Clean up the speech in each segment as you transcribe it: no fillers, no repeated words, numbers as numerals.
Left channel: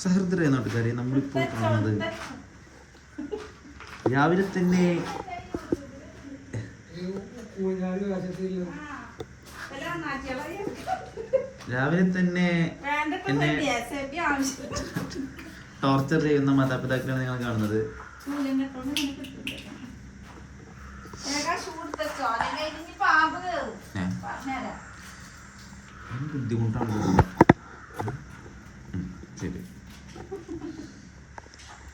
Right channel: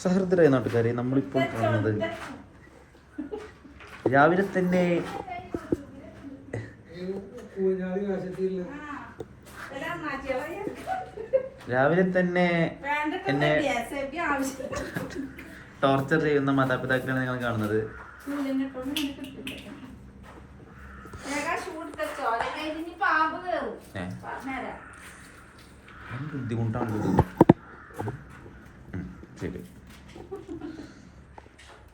സഹൃദരായ നാട്ടുകാരെ, നമ്മളിപ്പോൾ കാണുന്നത് രാവിലെ തന്നെ എന്നെ ടോർച്ചർ ചെയ്യുന്ന മാതാപിതാക്കളാണ് നിങ്ങൾ കാണുന്നത്. ബുദ്ധിമുട്ടാണ്. ശരി,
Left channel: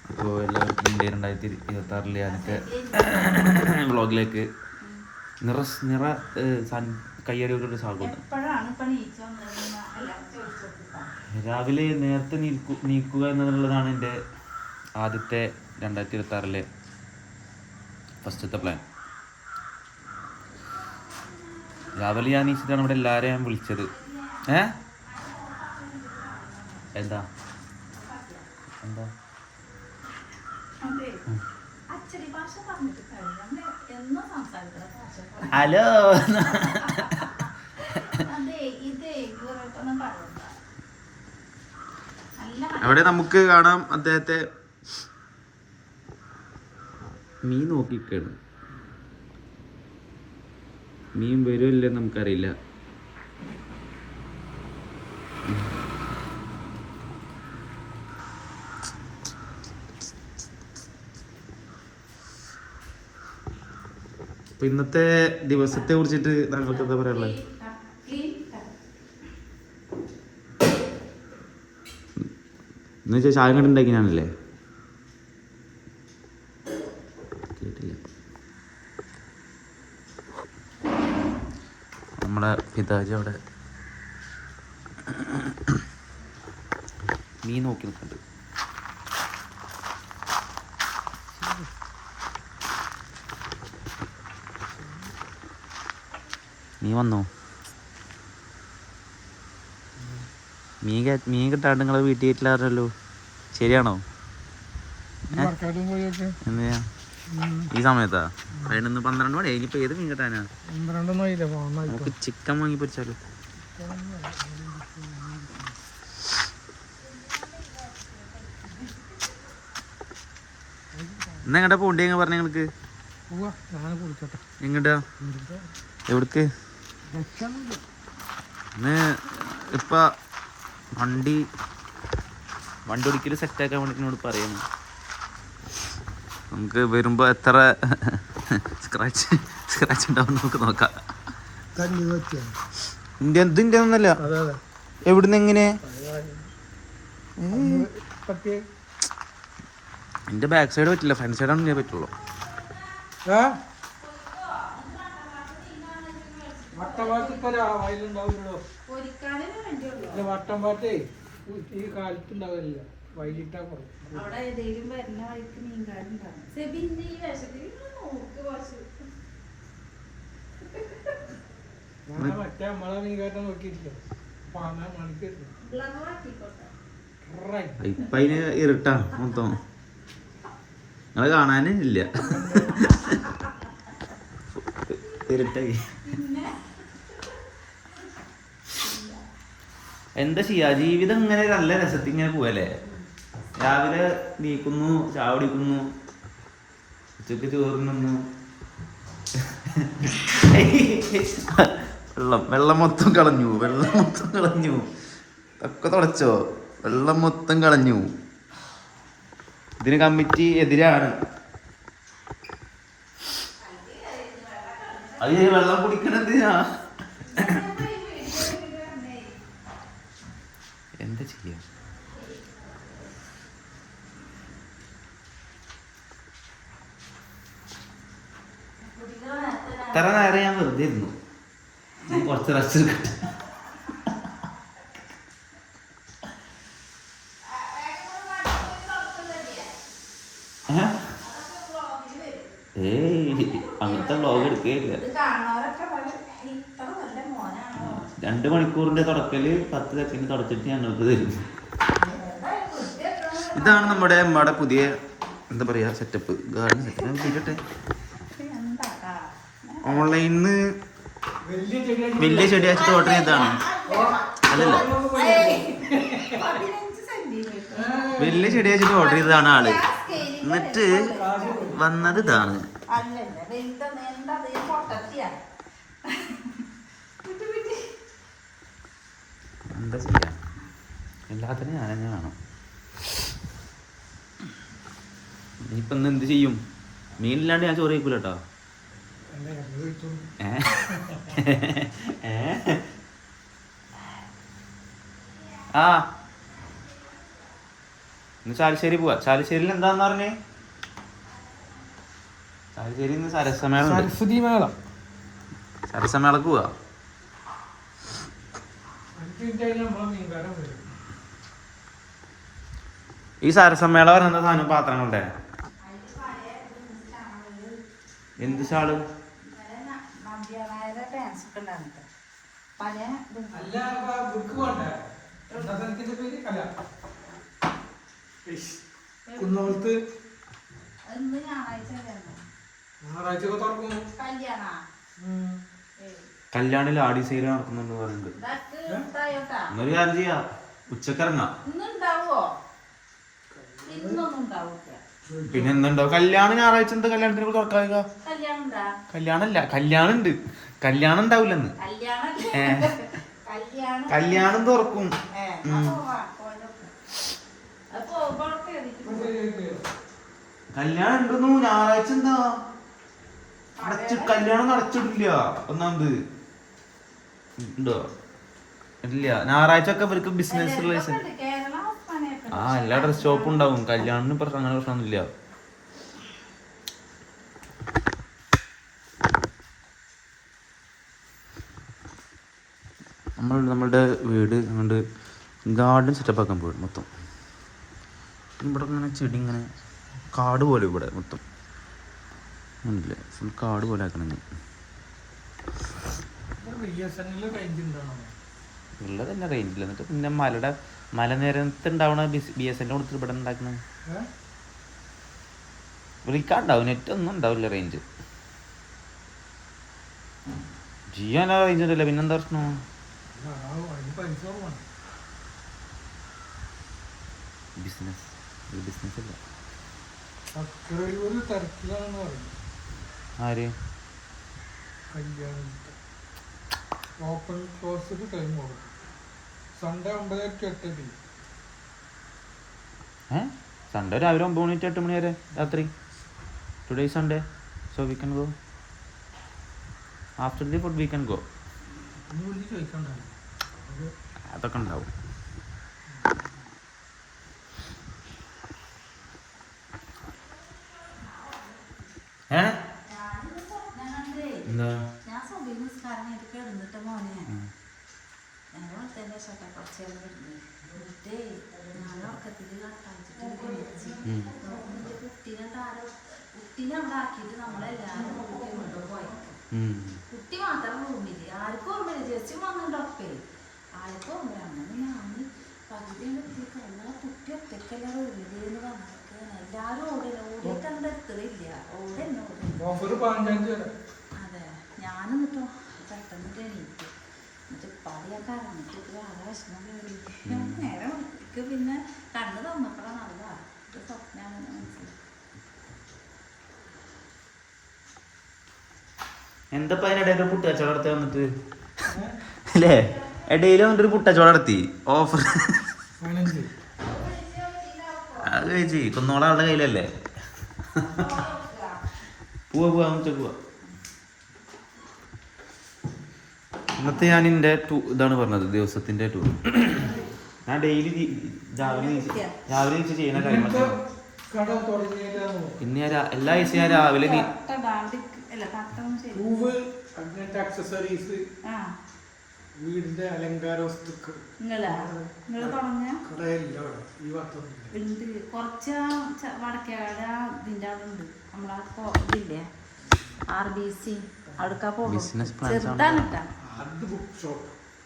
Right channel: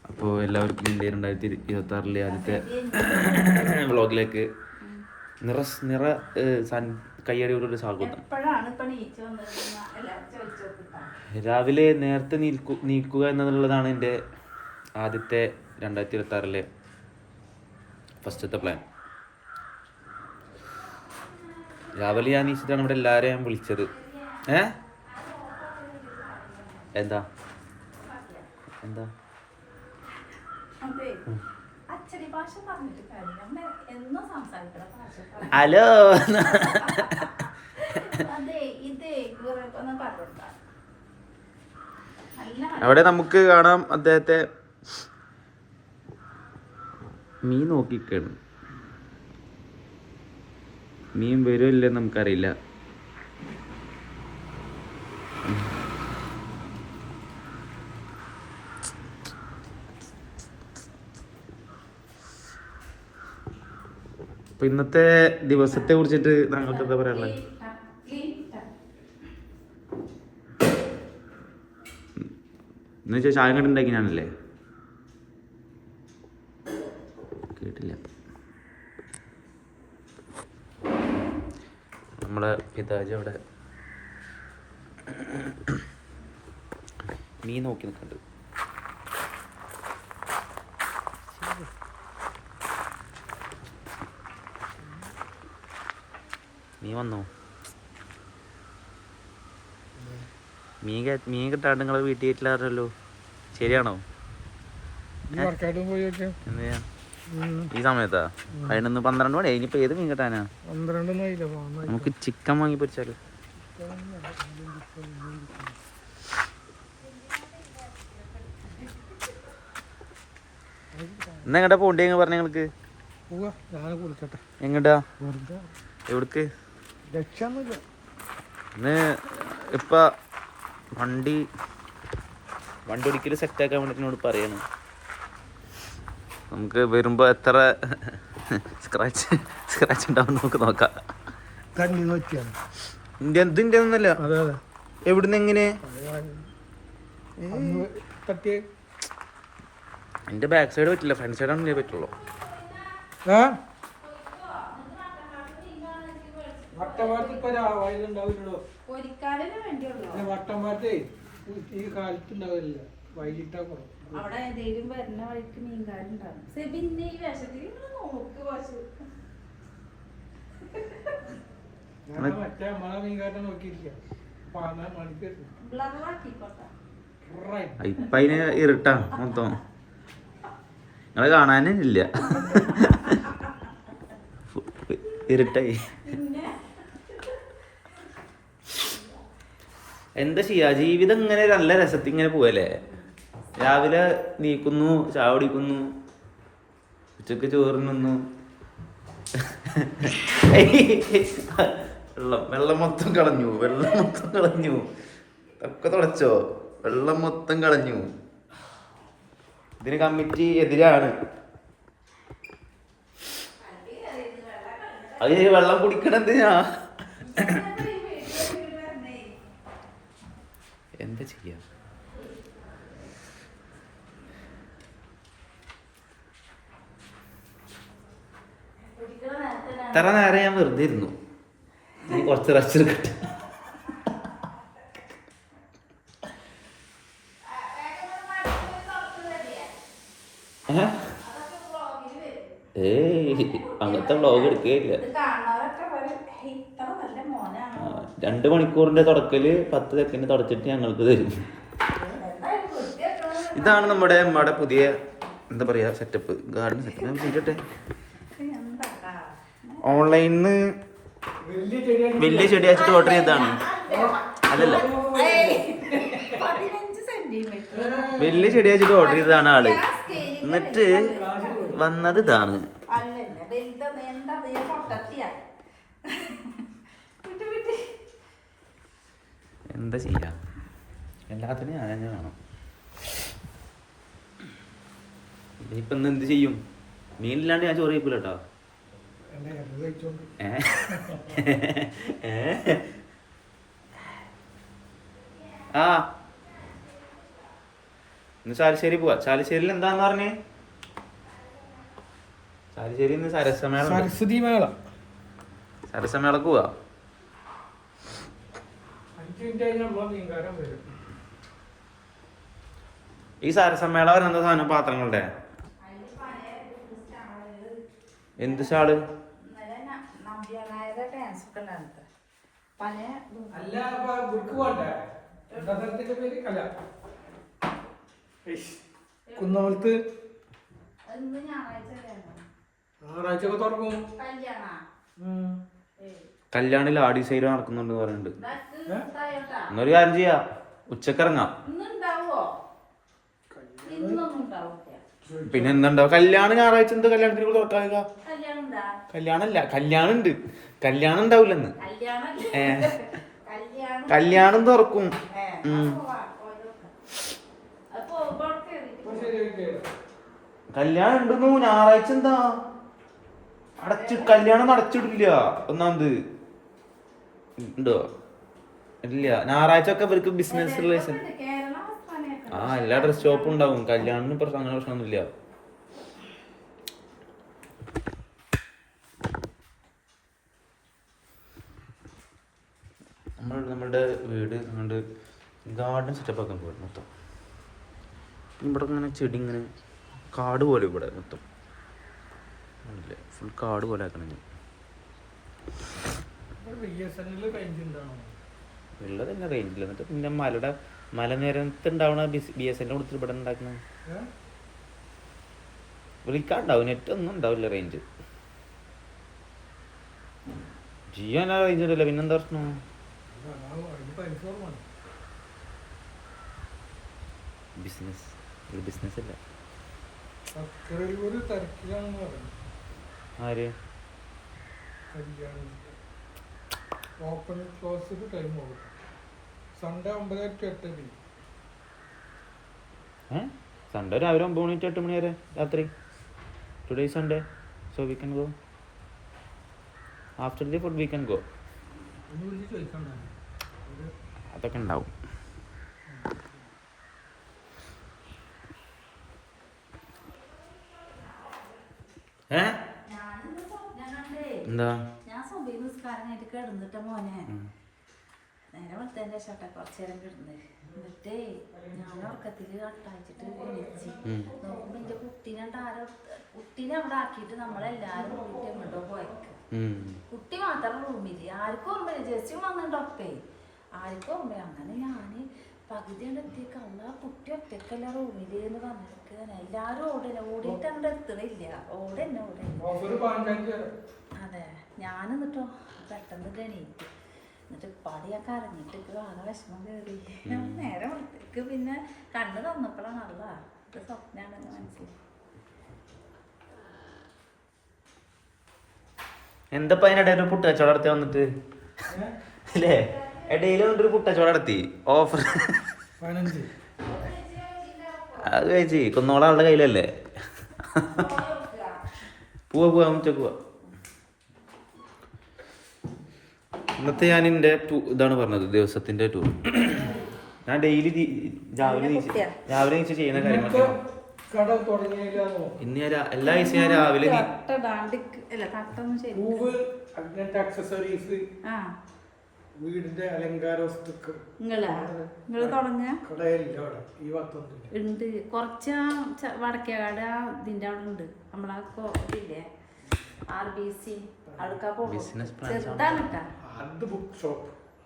അപ്പോൾ എല്ലാവർക്കും ഇന്ത്യ 2026 ആദ്യത്തെ വ്ളോഗിലേക്ക് നിറ കയ്യടിയോടൊരു സ്വാഗതം. രാവിലെ നേരത്തെ നീക്കുക എന്നുള്ളതാണ് എൻ്റെ ആദ്യത്തെ 2026 ഫസ്റ്റത്തെ പ്ലാൻ. രാവിലെ ഞാൻ നീച്ചിട്ടാണ് ഇവിടെ എല്ലാവരെയും ഞാൻ വിളിച്ചത്. എന്താ എന്താ ഹലോ, അവിടെ നമുക്ക് കാണാം അദ്ദേഹത്തെ മീൻ നോക്കിക്കാണ്. മീൻ വരുമില്ലെന്ന് നമുക്കറിയില്ല. അപ്പൊ ഇന്നത്തെ ദിവസത്തെ കുറിച്ചിട്ട് താങ്കൾക്ക് എന്താ പറയാനുള്ളത്? എന്ന് വെച്ചാൽ ചായ കണ്ടുണ്ടാക്കിയാണല്ലേ? കേട്ടില്ല. നമ്മളെ പിതാജി അവിടെ മീൻ നോക്കി നിൽക്കുന്നുണ്ട്. നീ വന്നോ? മീൻ കിട്ടാണ്ട് നിങ്ങളെ വീട്ടിൽ കയറ്റില്ലാറല്ലോ, ശരിയാണോ? ഈ സമയത്താ? 11-12 മണി. ഇനിയിപ്പോ ഏത് മീൻ കിട്ടാനാ? നമുക്ക് ചിക്കൻ വാങ്ങി പൊരിച്ചാലോ? ഇന്ന് എങ്ങട്ടാ പോണ്ടേ പറഞ്ഞ നിങ്ങൾക്ക്? എങ്ങട്ടാ? എവിടക്ക്? ഇന്ന് ഇപ്പൊ വണ്ടി ഒരിക്കലും സെറ്റാക്കാൻ വേണ്ടി എന്നോട് പറയണം. നമുക്ക് വരുമ്പോ എത്ര സ്ക്രാച്ച് ഉണ്ടാവും നമുക്ക് നോക്കാം. ഇതിന്റെ ഒന്നല്ല. എവിടുന്ന് എങ്ങനെ? എന്റെ ബാക്ക് സൈഡ് പറ്റില്ല, ഫ്രണ്ട് സൈഡാണ് പറ്റുള്ളൂ. വട്ടംപാറ്റേ ഈ കാലത്തുണ്ടാവില്ല, വൈകിട്ടാ കുറവ്. മറ്റേ നമ്മളെ മീൻകാരനെ നോക്കിയിരിക്കാം. ഇപ്പൊ അതിന് ഇരുട്ടാ മൊത്തം, നിങ്ങളെ കാണാനേ ഇല്ല. ഇരുട്ടായി. എന്താ ചെയ്യാ, ജീവിതം ഇങ്ങനെ നല്ല രസത്തിൽ ഇങ്ങനെ പോവല്ലേ. രാവിലെ നീക്കുന്നു, ചായ കുടിക്കുന്നു, ഉച്ചക്ക് ചോറിനുന്നു, വെള്ളം മൊത്തം കളഞ്ഞു. ഒക്കെ തുടച്ചോ? വെള്ളം മൊത്തം കളഞ്ഞു. ഇതിന് കമ്മിറ്റി എതിരാണ്. അത് വെള്ളം കുടിക്കണത് എന്താ ചെയ്യാ? ഇത്ര നേരം ഞാൻ വെറുതെ ഇരുന്നു. നീ കുറച്ച് റെസ്റ്റ് എടുക്കട്ടെ. അങ്ങനത്തെ വ്ളോഗ് എടുക്കുകയില്ല. 2 മണിക്കൂറിന്റെ തുടക്കല് 10 സെക്കൻഡ് തുടച്ചിട്ട് ഞങ്ങൾക്ക് തരും. ഇതാണ് നമ്മുടെ പുതിയ എന്താ പറയാ സെറ്റപ്പ്, ഗാർഡൻ സെറ്റപ്പ്. തീരട്ടെ. ഓൺലൈനിന്ന് വലിയ ചെടി വെച്ചിട്ട് ഓർഡർ ചെയ്തതാണ്. അല്ലല്ല, വലിയ ചെടി വെച്ചിട്ട് ഓർഡർ ചെയ്തതാണ് ആള്. എന്നിട്ട് വന്നത് ഇതാണ്. എന്താ ചെയ്യാ, എല്ലാത്തിനും ഞാൻ തന്നെ വേണം. ഇനിയിപ്പൊ ഇന്ന് എന്ത് ചെയ്യും? മീനില്ലാണ്ട് ഞാൻ ചോറ് കഴിക്കൂല കേട്ടോ. ആ ഇന്ന് ചാലിശ്ശേരി പോവാ. ചാലിശ്ശേരിയിൽ എന്താന്ന് പറഞ്ഞേ? ചാലിശ്ശേരി ഇന്ന് സരസമേള, സരസ്വതി മേള. സരസമേളക്ക് പോവാ. ഈ സരസമേള പറഞ്ഞ സാധനം പാത്രങ്ങളുടെ എന്ത് ഷാള്? കുന്നമലത്ത് ഞായറാഴ്ച തുറക്കും. കല്യാണിൽ ആടി സൈഡ് നടക്കുന്നുണ്ട് പറയുന്നുണ്ട്. എന്നൊരു കാര്യം ചെയ്യാ, ഉച്ചക്കിറങ്ങാം. പിന്നെ എന്തുണ്ടാവും? കല്യാണം ഞായറാഴ്ച. എന്താ കല്യാണത്തിന് തുറക്കാവുക? കല്യാണല്ല, കല്യാണം ഉണ്ട്. കല്യാണം ഉണ്ടാവില്ലെന്ന്. കല്യാണം തുറക്കും. കല്യാണം ഉണ്ടെന്നു. ഞായറാഴ്ച എന്താ കല്യാണം അടച്ചിടില്ല. ഒന്നാമത് ഉണ്ടോ? ഇല്ല, ഞായറാഴ്ച ഒക്കെ ഇവർക്ക് ബിസിനസ് റിലേഷൻ. ആ എല്ലാ ഡ്രസ് ഷോപ്പും ഉണ്ടാവും. കല്യാണത്തിന് അങ്ങനെ പ്രശ്നമൊന്നുമില്ല. നമ്മളുടെ വീട് അങ്ങോട്ട് ഗാർഡൻ സെറ്റപ്പ് ആക്കാൻ പോയി മൊത്തം. ഇവിടെ ഇങ്ങനെ ചെടി ഇങ്ങനെ കാട് പോലെ ഇവിടെ മൊത്തം ഇല്ല, ഫുൾ കാട് പോലെ ആക്കണം. ഉള്ളത് തന്നെ റേഞ്ചില്ല. എന്നിട്ട് പിന്നെ മലനിരത്ത് ഉണ്ടാവണ BSNL കൊടുത്തിട്ട് ഇവിടെ ഉണ്ടാക്കണ വിളിക്കാണ്ടാവും. നെറ്റ് ഒന്നും ഉണ്ടാവില്ല, റേഞ്ച്. ജിയോ എന്നാ റേഞ്ച് ഉണ്ടല്ലോ. പിന്നെന്താ പ്രശ്നം? ബിസിനസ് അല്ല. ആര്? Open close time Sunday 9:08. Sunday രാവിലെ 9 മണി to 8 മണി വരെ രാത്രി. Today Sunday, so we can go. After the food we can go. അതൊക്കെ ഉണ്ടാവും. എന്താ കുട്ടി മാത്രം റൂമില്ല. ആർക്കും ജസ്റ്റ് വന്നിട്ടൊക്കെ ആർക്കും അങ്ങനെ ഞാന് പകുതി എത്തിക്കല്ല. കുട്ടി ഒറ്റക്കല്ല റൂമിലെന്ന് പറഞ്ഞിട്ട് എല്ലാരും ഓടിയിട്ട് എന്റെ എത്തതില്ല. അതെ, ഞാനെന്നിട്ടോ പെട്ടെന്ന് എന്നിട്ട് പടിയൊക്കെ അറിഞ്ഞിട്ട് വളരെ വിഷമം കയറി. നേരെ ഒറ്റക്ക് പിന്നെ കണ്ണ് തന്നപ്പോഴാണ് നല്ല സ്വപ്നാണെന്ന് മനസ്സിലായി. എന്തപ്പ അതിനിടയിൽ ഒരു പുട്ടച്ചവട നടത്തി വന്നിട്ട് അല്ലേ? ഇടയിൽ വന്നിട്ടൊരു പുട്ടച്ചവട നടത്തി ഓഫർ. അത് കഴിച്ച് കൊന്നോള അവളുടെ കയ്യിലല്ലേ. പോവാ ഉച്ചക്ക് പോവാ. ഇന്നത്തെ ഞാൻ എൻ്റെ ഇതാണ് പറഞ്ഞത്, ദിവസത്തിന്റെ ടൂർ. ഞാൻ ഡെയിലി രാവിലെ നീച്ച് ചെയ്യുന്ന കാര്യങ്ങളൊക്കെ. ഇന്ന് ഞാൻ എല്ലാ ദിവസവും ഞാൻ രാവിലെ വീടിന്റെ അലങ്കാര വസ്തുക്കൾ ഉണ്ട്. കുറച്ച് വടക്കേകാട് ഇതിന്റെ അവിടെ ഉണ്ട്. നമ്മളാ ഇതില്ലേ RBC അടുക്കാ പോകും. ചെറുതാണ്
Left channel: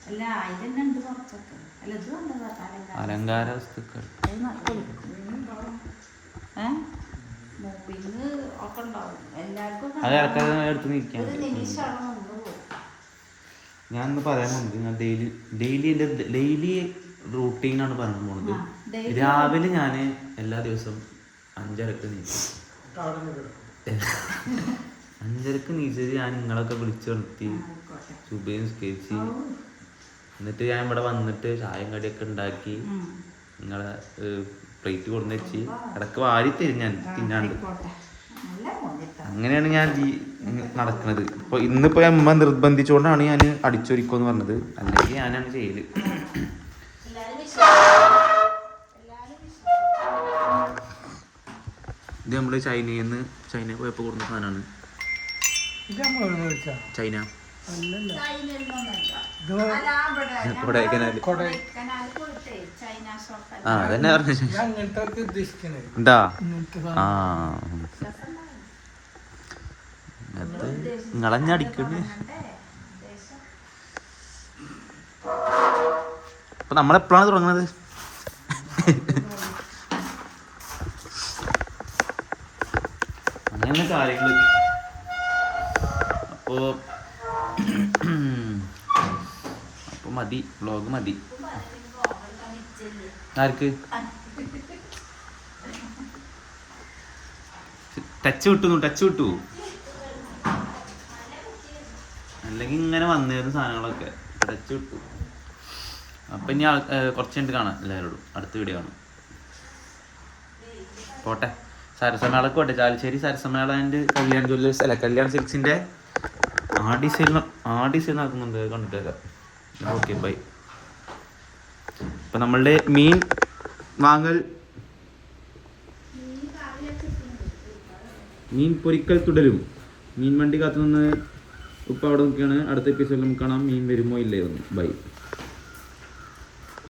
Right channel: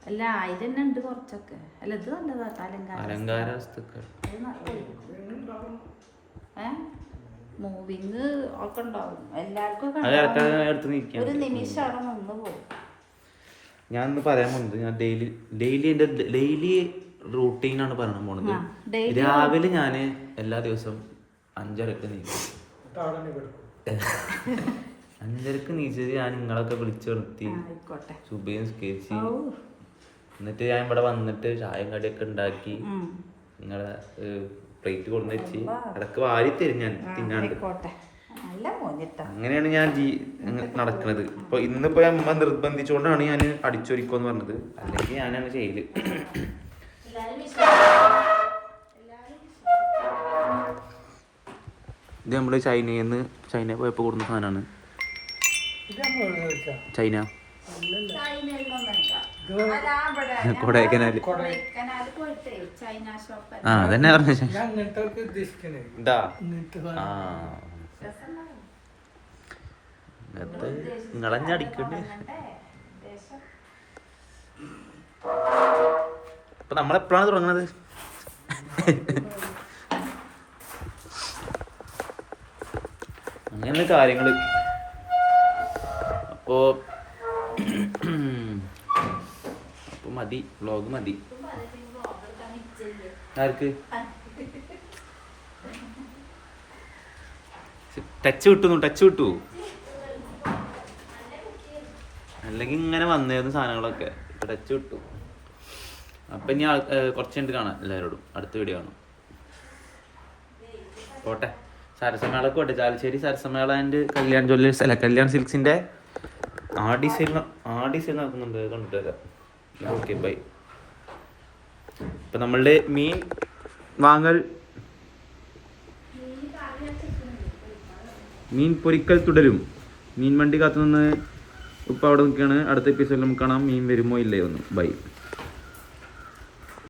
അല്ല, അതിലെന്നെ ഉണ്ട് കുറച്ചൊക്കെ. അല്ല, ഇത് വന്നതാ അലങ്കാര വസ്തുക്കൾ. മൂവിങ് ഒക്കെ ഉണ്ടാവും എല്ലാവർക്കും. ഒരു നിമിഷം അവിടെ നിന്ന് പോകും. ഞാൻ ഒന്ന് പറയാൻ പോകുന്നത്, ഞാൻ ഡെയിലി റൂട്ടീനാണ് പറയാൻ പോണത്. ആ, daily രാവിലെ ഞാൻ എല്ലാ ദിവസവും 5:30 നീക്കും. കാടന്ന് കിടക്കും. 5:30 നീച്ചിട്ട് ഞാൻ നിങ്ങളൊക്കെ വിളിച്ചു നിർത്തി ആയിക്കോട്ടെ. സുബൈയും സ്കെച്ച് ഔ. എന്നിട്ട് ഞാൻ ഇവിടെ വന്നിട്ട് ചായയും കടിയൊക്കെ ഉണ്ടാക്കി ഉം. നിങ്ങളെ പ്ലേറ്റ് കൊണ്ടു വെച്ച് ഇടക്ക് വാരി തരും ഞാൻ തിന്നാണ്ട്. ആയിക്കോട്ടെ. നല്ല മോനിട്ടാ. അങ്ങനെയാണ് ഞാൻ നടക്കുന്നത്. ഇപ്പോൾ ഇന്നിപ്പോൾ അമ്മ നിർബന്ധിച്ചുകൊണ്ടാണ് ഞാൻ അടിച്ചൊരിക്കുമെന്ന് പറഞ്ഞത്, അല്ലെങ്കിൽ ഞാനാണ് ചെയ്യല്. ഇത് നമ്മൾ ചൈനയിൽ പോയപ്പോൾ കൊടുക്കുന്ന സാധനമാണ്. ഇത് നമ്മൾ മേടിച്ചാ? ചൈന അല്ലല്ല. കൊടൈക്കനാൽ. ചൈന അതന്നെ ഇത് അങ്ങനത്തെ ഉദ്ദേശിക്കണേ. എന്താ ഇങ്ങനത്തെ ആ നിങ്ങളഞ്ഞടിക്കണ്ട്. അപ്പൊ നമ്മളെപ്പോഴാണ് തുടങ്ങുന്നത്? അങ്ങനെ കാര്യങ്ങള്. അപ്പോ മതി, വ്ളോഗ് മതി. ആർക്ക് ടച്ച് വിട്ടു അല്ലെങ്കിൽ ഇങ്ങനെ വന്നിരുന്ന സാധനങ്ങളൊക്കെ ടച്ച് വിട്ടു. അപ്പം ഇനി കുറച്ച് കഴിഞ്ഞിട്ട് കാണാം എല്ലാവരോടും. അടുത്ത വീഡിയോ കാണും. പോട്ടെ. സരസമേളക്ക് പോട്ടെ. ചാലിശ്ശേരി സരസമേള ആൻഡ് കല്യാൺ ജ്വല്ലേഴ്സ് അല്ല കല്യാൺ സിൽക്സിൻ്റെ ആ ഡിസൈൻ നടക്കുന്നുണ്ട്, കണ്ടിട്ടേക്കാം. Okay bye. ഇപ്പം നമ്മളുടെ മീൻ വാങ്ങൽ, മീൻ പൊരിക്കൽ തുടരും. മീൻ വണ്ടി കാത്തുനിന്ന് ഉപ്പ അവിടെ നിൽക്കുകയാണ്. അടുത്ത എപ്പിസോഡിൽ നമുക്ക് കാണാം മീൻ വരുമോ ഇല്ലയോ ഒന്ന്. ബൈ.